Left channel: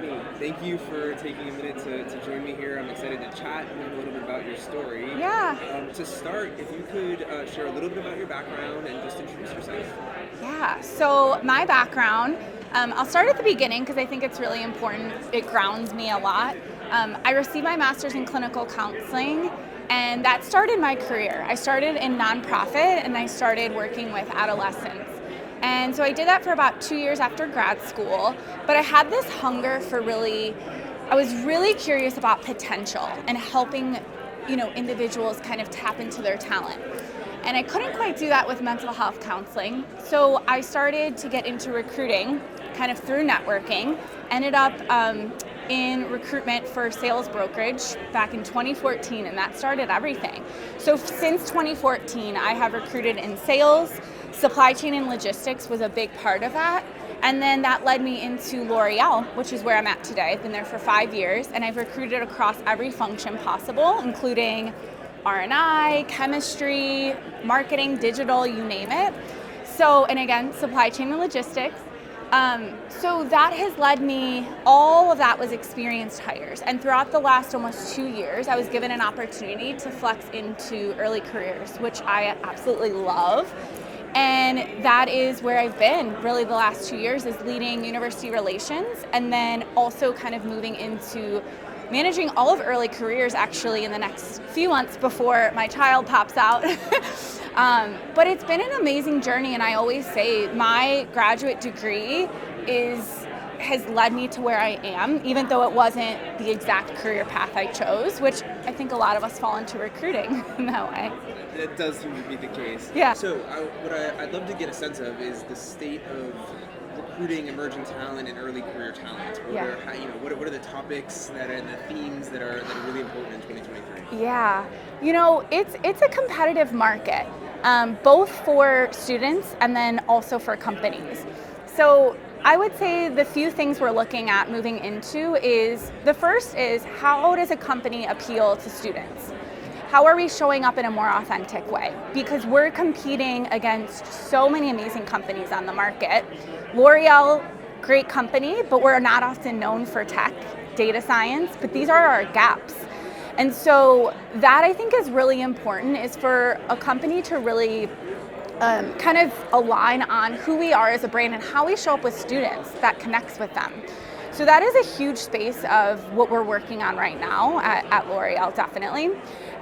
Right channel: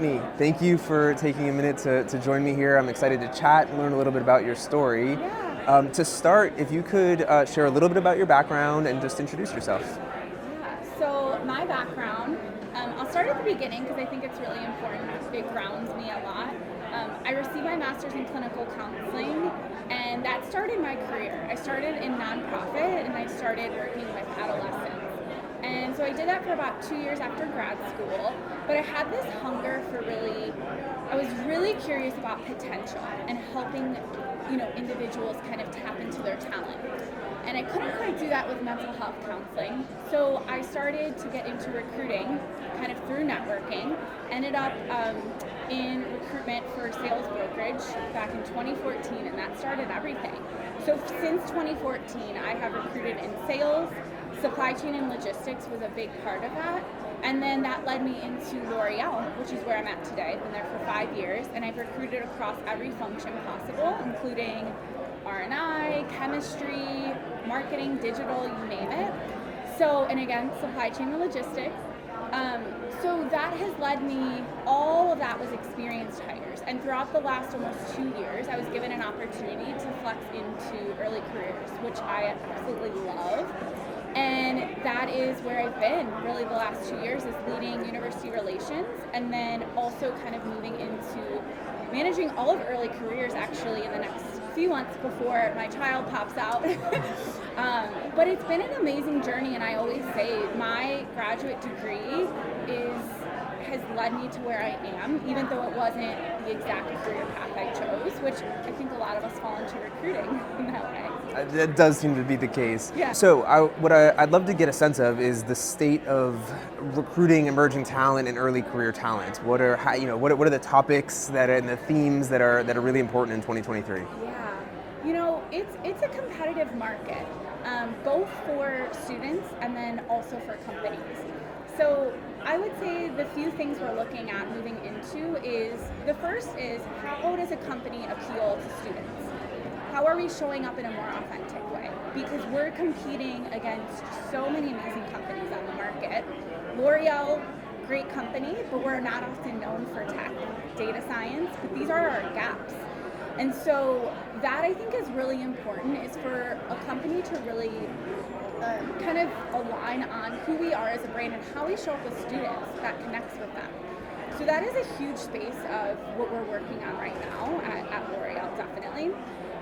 Brittany, thank you for taking a minute to join me here. I'm excited to chat and learn a little bit about your story. Yeah. To start, if you could share a little bit about your background and just introduce yourself. Yeah. So my background, I'll start at the beginning because I think it's really important. It grounds me a lot. I received my master's in clinical counseling, and that started my career. I started in nonprofit, and I started working with adolescents. And so I did that for about 2 years after grad school, but I had this hunger for I was really curious about potential and helping, individuals kind of tap into their talent. And I couldn't quite do that with mental health counseling. So I started to get into recruiting kind of through networking, ended up in recruitment for sales brokerage back in 2014, and that started everything. So since 2014, I have recruited in sales, supply chain and logistics was a big part of that. And then that led me into L'Oreal, which is where I'm at today. I've been there for 5 years, and I've recruited across every function possible, including R&I, chemistry, marketing, digital, you name it. So, and again, supply chain and logistics. So that has led me, all of that was experienced hires. And throughout the last almost 2 years, I was given an opportunity to flex into early careers, which I absolutely love. And that is where I've been really the last 2 years, is leading university relations, and then also kind of moving into managing all of early careers actually in the next few months before my child pops out. But it's been an amazing journey, and I always say my graduate degree has led me to where I am, even though it wasn't the exact career path I chose, which I think a lot of us fall into recruiting in that way. That does seem to be the case. Yeah. So I'd love to get a sense of is the state of recruiting emerging talent and early career talent. What are what are the topics and the themes that are really important in 2023? Yeah, it's a competitive market, both for students and then also for companies. So I would say the few things we're looking at moving into is, the first is, how does a company appeal to students? How are we showing up in a more authentic way? Because we're competing against so many amazing companies on the market. L'Oreal, great company, but we're not often known for tech, data science, but these are our gaps. And so that I think is really important, is for a company to really kind of align on who we are as a brand and how we show up with students that connects with them. So that is a huge space of what we're working on right now at L'Oreal, definitely.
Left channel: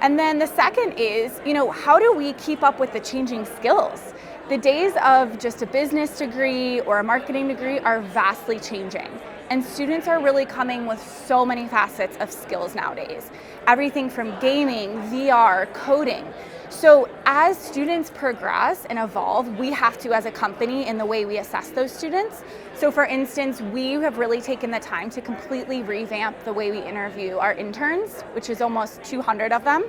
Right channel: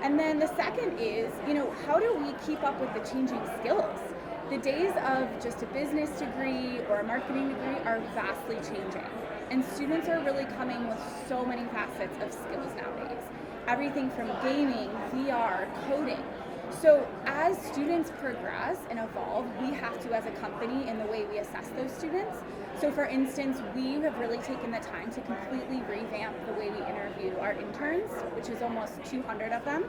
And then the second is, how do we keep up with the changing skills? The days of just a business degree or a marketing degree are vastly changing. And students are really coming with so many facets of skills nowadays. Everything from gaming, VR, coding. So as students progress and evolve, we have to, as a company, in the way we assess those students. So for instance, we have really taken the time to completely revamp the way we interview our interns, which is almost 200 of them,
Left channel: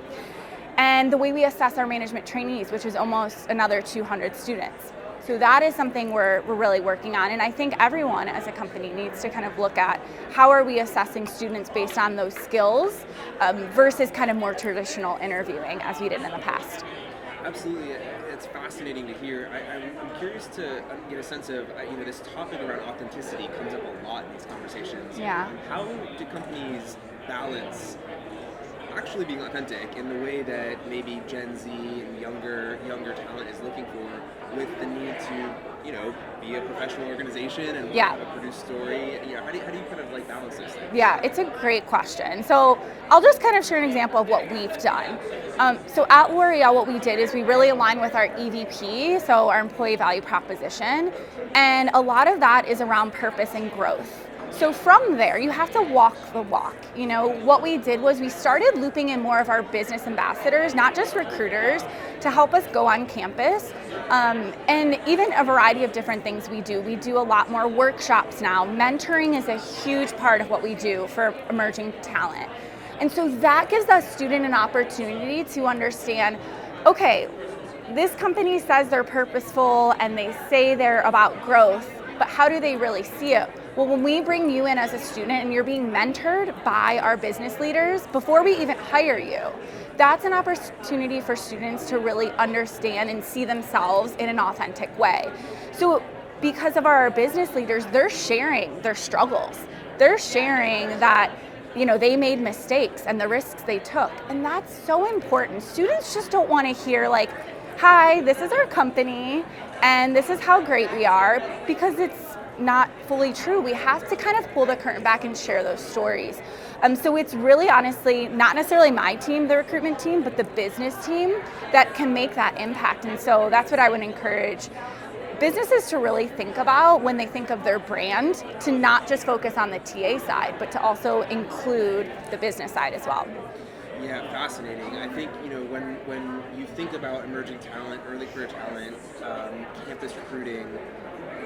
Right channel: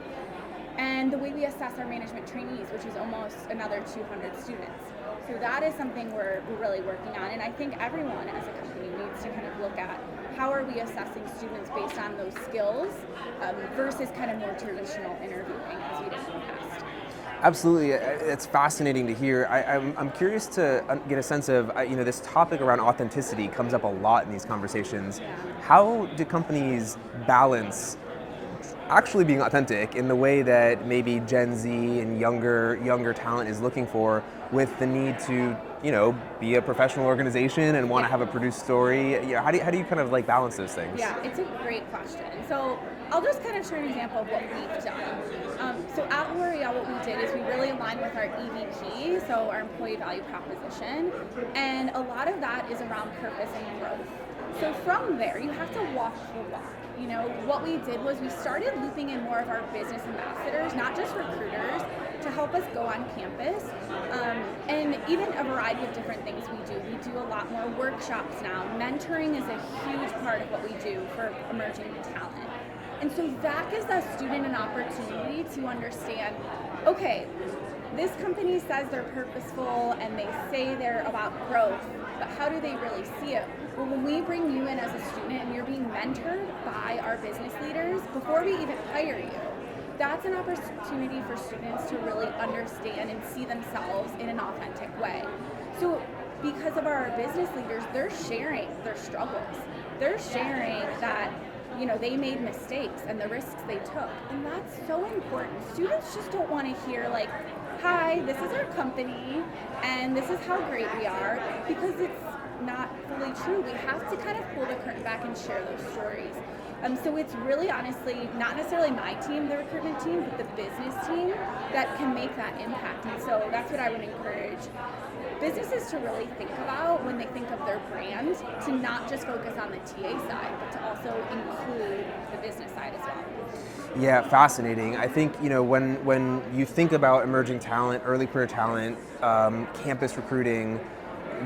and the way we assess our management trainees, which is almost another 200 students. So that is something we're really working on, and I think everyone as a company needs to kind of look at how are we assessing students based on those skills versus kind of more traditional interviewing as we did in the past. Absolutely, it's fascinating to hear. I'm curious to get a sense of, this topic around authenticity comes up a lot in these conversations. Yeah. How do companies balance actually being authentic in the way that maybe Gen Z and younger talent is looking for, with the need to, be a professional organization and want to have a produced story? How do you kind of balance those things? Yeah, it's a great question. So I'll just kind of share an example of what we've done. So at L'Oreal, what we did is we really aligned with our EVP, so our employee value proposition, and a lot of that is around purpose and growth. So from there, you have to walk the walk. What we did was we started looping in more of our business ambassadors, not just recruiters, to help us go on campus, and even a variety of different things we do. We do a lot more workshops now. Mentoring is a huge part of what we do for emerging talent. And so that gives us student an opportunity to understand, okay, this company says they're purposeful and they say they're about growth, but how do they really see it? Well, when we bring you in as a student and you're being mentored by our business leaders before we even hire you, that's an opportunity for students to really understand and see themselves in an authentic way. So because of our business leaders, they're sharing their struggles. they're sharing that, they made mistakes and the risks they took. And that's so important. Students just don't want to hear like, hi, this is our company and this is how great we are, because it's not fully true. We have to kind of pull the curtain back and share those stories. So it's really honestly not necessarily my team, the recruitment team, but the business team that can make that impact. And so that's what I would encourage businesses to really think about when they think of their brand, to not just focus on the TA side, but to also include the business side as well. Yeah, fascinating. I think, when you think about emerging talent, early career talent, campus recruiting,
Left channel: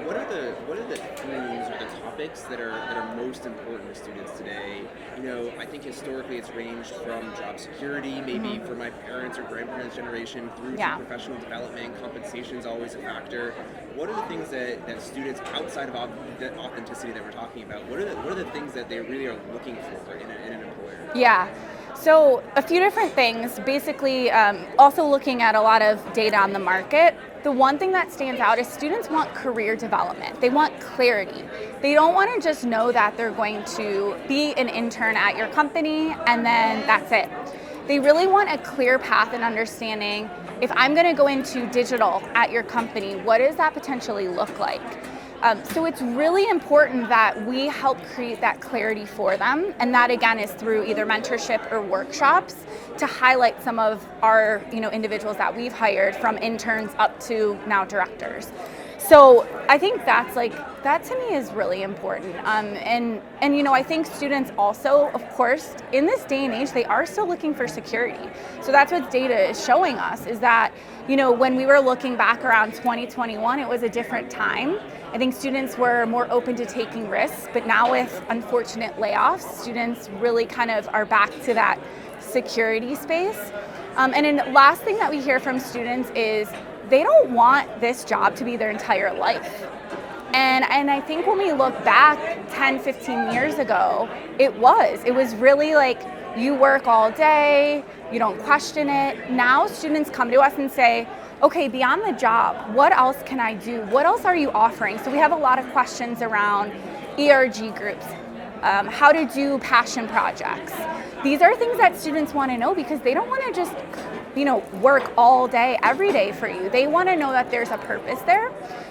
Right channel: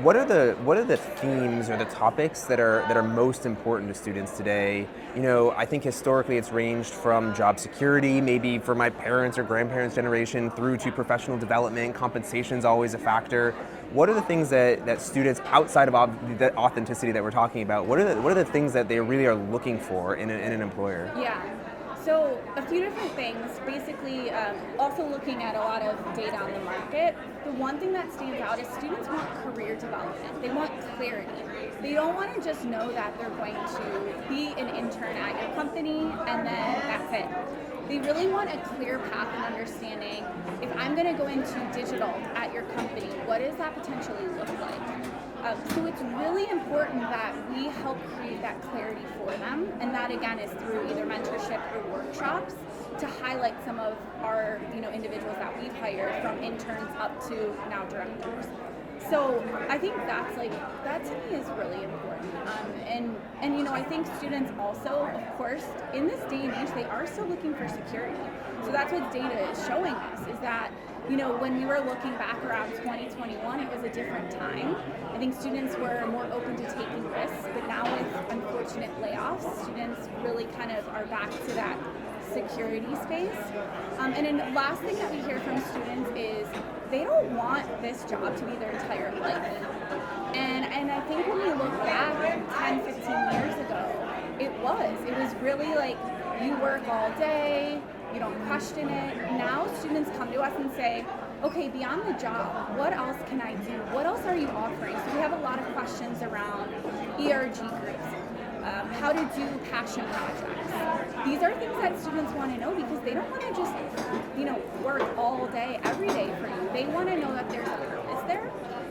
what are the themes or the topics that are most important to students today? I think historically it's ranged from job security, maybe for my parents or grandparents' generation, through to professional development. Compensation is always a factor. What are the things that students, outside of the authenticity that we're talking about, what are the things that they really are looking for in an employer? Yeah. So a few different things. Basically, also looking at a lot of data on the market. The one thing that stands out is students want career development. They want clarity. They don't want to just know that they're going to be an intern at your company and then that's it. They really want a clear path and understanding, if I'm going to go into digital at your company, what does that potentially look like? So it's really important that we help create that clarity for them, and that again is through either mentorship or workshops to highlight some of our individuals that we've hired, from interns up to now directors. So I think that to me is really important. And I think students also, of course, in this day and age, they are still looking for security. So that's what data is showing us, is that when we were looking back around 2021, it was a different time. I think students were more open to taking risks, but now with unfortunate layoffs, students really kind of are back to that security space. And then the last thing that we hear from students is they don't want this job to be their entire life. And I think when we look back 10, 15 years ago, it was really like, you work all day, you don't question it. Now students come to us and say, okay, beyond the job, what else can I do? What else are you offering? So we have a lot of questions around ERG groups, how to do passion projects. These are things that students want to know, because they don't want to just work all day, every day for you. They want to know that there's a purpose there.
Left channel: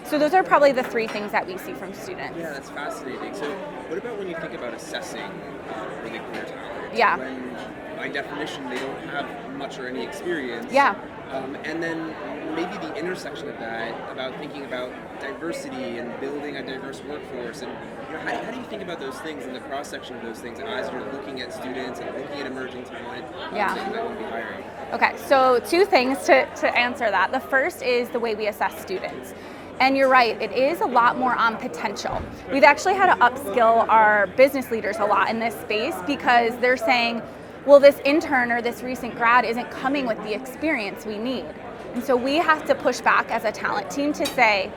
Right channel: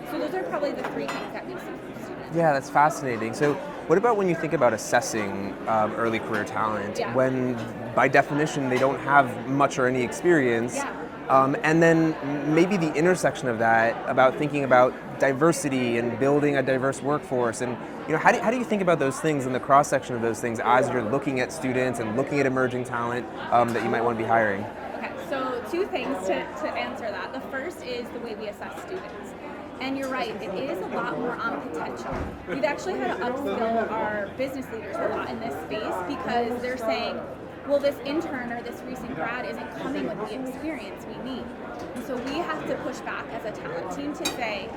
So those are probably the three things that we see from students. Yeah, that's fascinating. So what about when you think about assessing early career talent? Yeah. When, by definition, they don't have much or any experience? Yeah. And then maybe the intersection of that, about thinking about diversity and building a diverse workforce, and how do you think about those things and the cross section of those things as you're looking at students and looking at emerging talent that you might want to be hiring? Okay, so two things to answer that. The first is the way we assess students. And you're right, it is a lot more on potential. We've actually had to upskill our business leaders a lot in this space, because they're saying, well, this intern or this recent grad isn't coming with the experience we need. And so we have to push back as a talent team to say,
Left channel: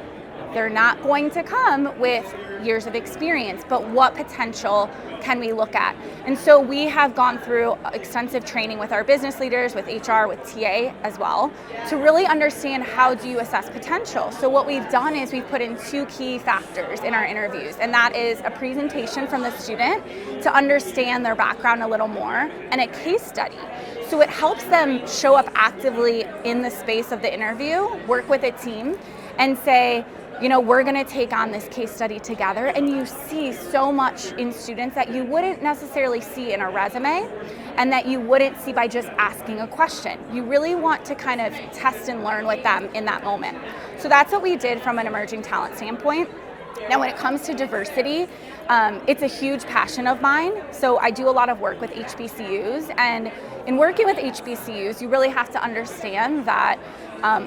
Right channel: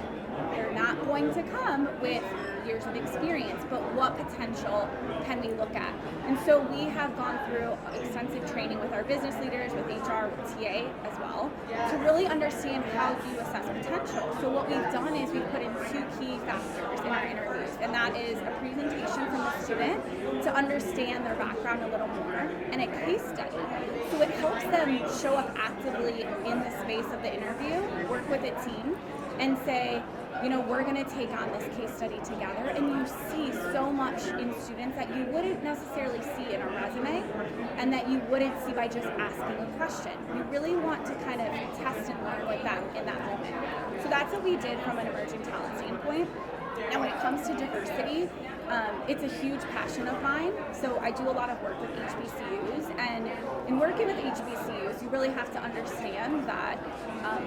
they're not going to come with years of experience, but what potential can we look at? And so we have gone through extensive training with our business leaders, with HR, with TA as well, to really understand, how do you assess potential? So what we've done is we've put in two key factors in our interviews, and that is a presentation from the student to understand their background a little more, and a case study. So it helps them show up actively in the space of the interview, work with a team, and say, we're going to take on this case study together. And you see so much in students that you wouldn't necessarily see in a resume, and that you wouldn't see by just asking a question. You really want to kind of test and learn with them in that moment. So that's what we did from an emerging talent standpoint. Now, when it comes to diversity, it's a huge passion of mine. So I do a lot of work with HBCUs, and in working with HBCUs, you really have to understand that,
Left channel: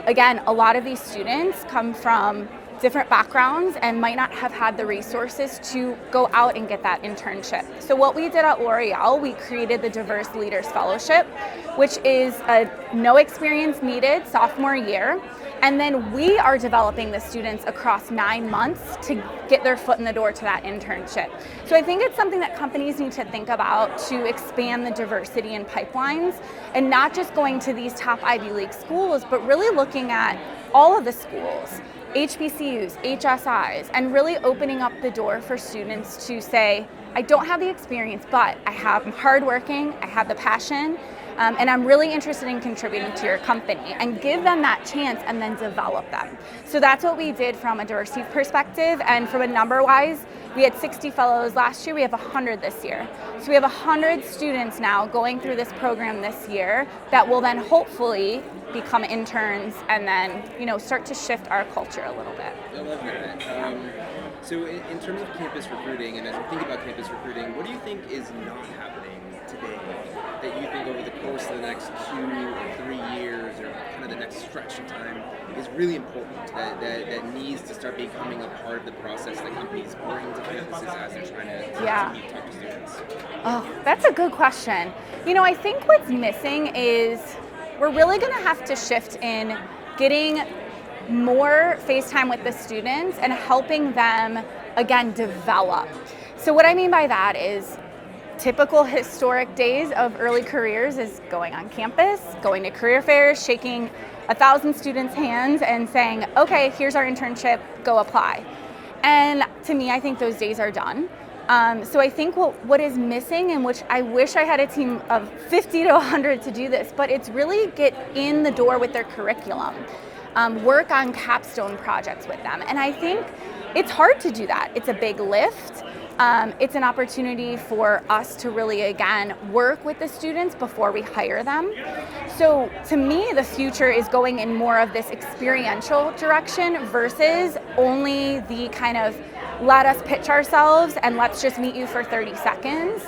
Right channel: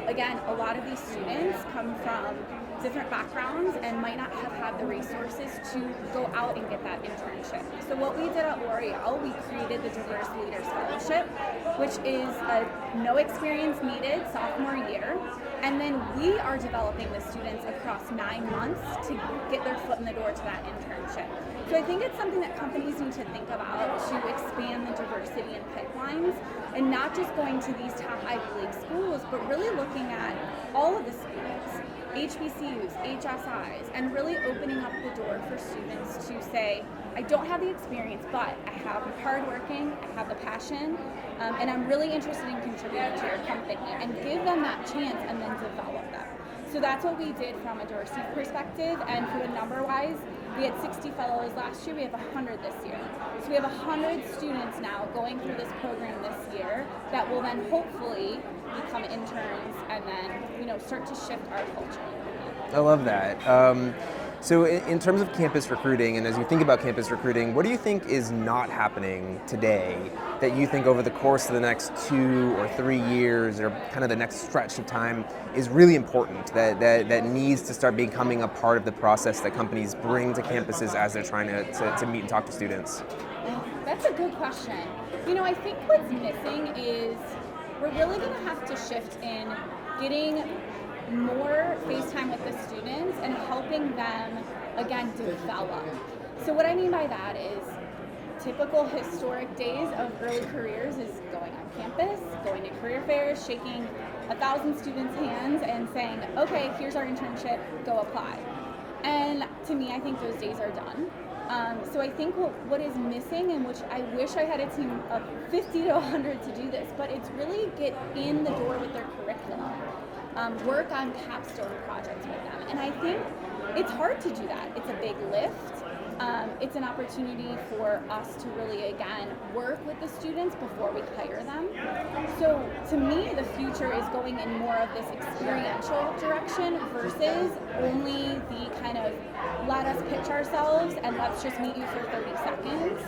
again, a lot of these students come from different backgrounds and might not have had the resources to go out and get that internship. So what we did at L'Oreal, we created the Diverse Leaders Fellowship, which is a no experience needed sophomore year. And then we are developing the students across 9 months to get their foot in the door to that internship. So I think it's something that companies need to think about to expand the diversity in pipelines, and not just going to these top Ivy League schools, but really looking at all of the schools. HBCUs, HSIs, and really opening up the door for students to say, I don't have the experience, but I'm hardworking, I have the passion, and I'm really interested in contributing to your company, and give them that chance and then develop them. So that's what we did from a diversity perspective, and from a number-wise, we had 60 fellows last year, we have 100 this year. So we have 100 students now going through this program this year that will then hopefully become interns and then, start to shift our culture a little bit. I love that. So in terms of campus recruiting, and as you think about campus recruiting, what do you think is not happening today that you think over the course of the next 2 or 3 years, or kind of the next stretch of time, is really important, that needs to start becoming a part of the process that companies bring to campuses as they're trying to meet and talk to students? Oh, that's a good question. I think what's missing is we're really going to have to shift in getting more face time with the students and helping them, again, develop. So what I mean by that is typical historic days of early careers is going on campus, going to career fairs, shaking 1,000 students' hands and saying, okay, here's our internship, go apply. And to me, I think those days are done. So I think what is missing, and which I wish I had a team of 50 to 100 to do this, but it's really get in the door with their curriculum. Work on capstone projects with them. And I think it's hard to do that. It's a big lift. It's an opportunity for us to really, again, work with the students before we hire them. So to me, the future is going in more of this experiential direction versus only the kind of let us pitch ourselves and let's just meet you for 30 seconds,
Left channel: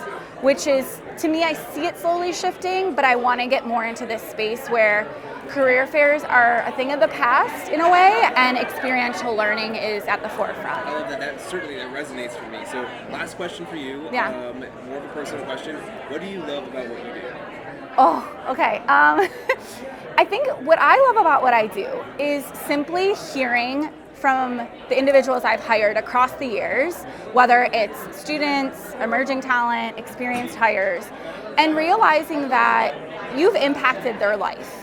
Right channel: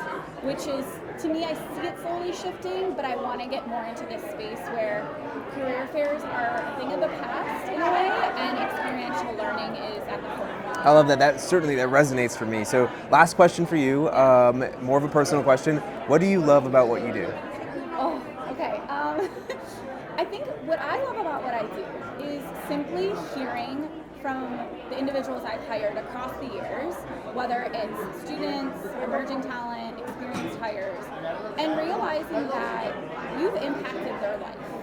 which is, to me, I see it slowly shifting, but I want to get more into this space where career fairs are a thing of the past in a way, and experiential learning is at the forefront. I love that. That resonates for me. So last question for you, more of a personal question. What do you love about what you do? Oh, okay. I think what I love about what I do is simply hearing from the individuals I've hired across the years, whether it's students, emerging talent, experienced hires, and realizing that you've impacted their life.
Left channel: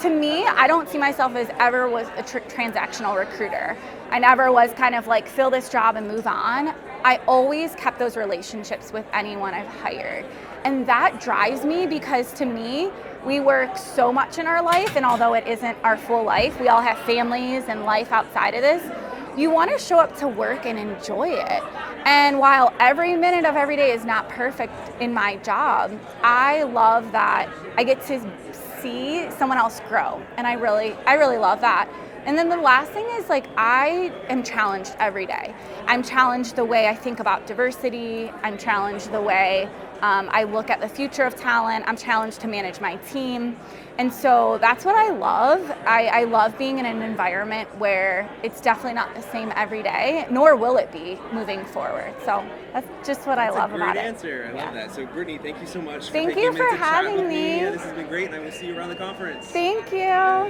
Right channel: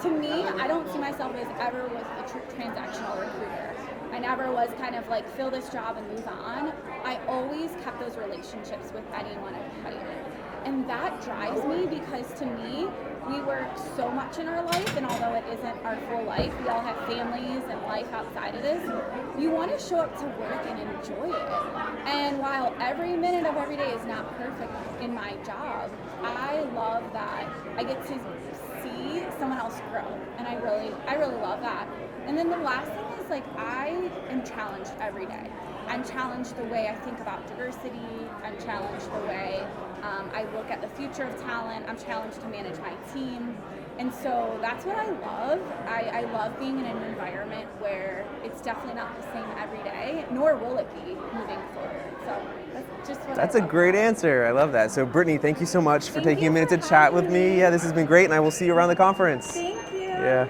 To me, I don't see myself as ever was a transactional recruiter. I never was kind of like fill this job and move on. I always kept those relationships with anyone I've hired. And that drives me because to me, we work so much in our life, and although it isn't our full life, we all have families and life outside of this. You want to show up to work and enjoy it. And while every minute of every day is not perfect in my job, I love that I get to see someone else grow, and I really love that. And then the last thing is, I am challenged every day. I'm challenged the way I think about diversity. I'm challenged the way I look at the future of talent. I'm challenged to manage my team. And so that's what I love. I love being in an environment where it's definitely not the same every day, nor will it be moving forward. So that's just what I love. That's a great about answer. I love that. So Brittany, thank you so much for Thank taking you a minute for to chat with having me. me. Yeah, this has been great, and I will see you around the conference. Thank you. Yeah.